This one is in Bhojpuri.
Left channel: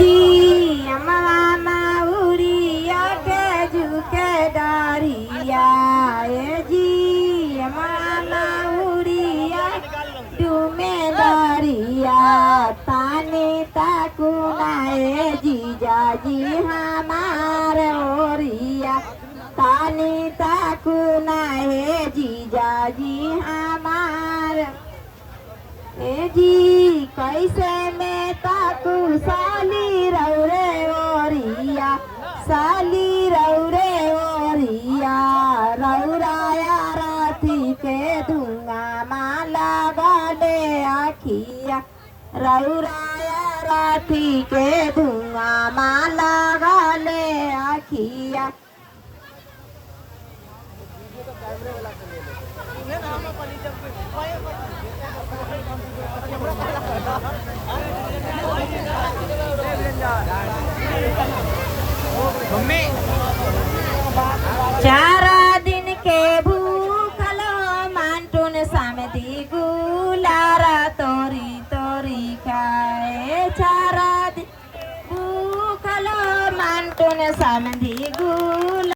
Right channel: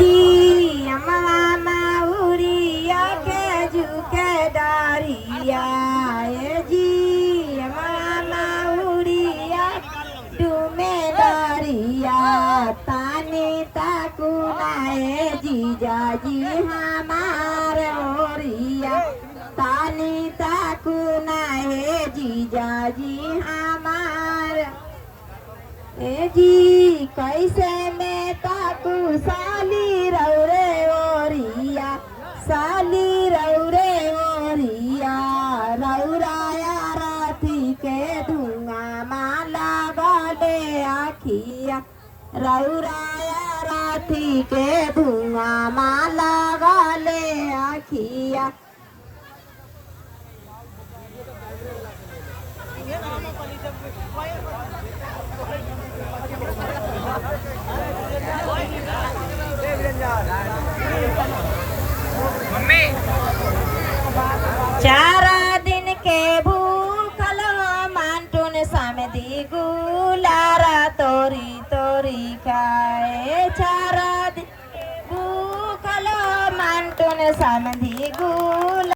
जी मामा उड़िया के झुके डरिया जी मामा उड़िया डूमे डरिया पानी ताकुनाए जीजा जी हमार ओरिया पानी ताकुनाए जीजा जी हमार ए जी कैसे में ताकू साली रौरे ओरिया साली रौरे ओरिया रौराया राती के धुआं माला गले आखिया रौराया राती के धुआं माला गले आखिया मम्मी 4 दिन के भूखल मांटून समिति गुलारा तोरी तोरी खाए 4 दिन भूखल मांटून समिति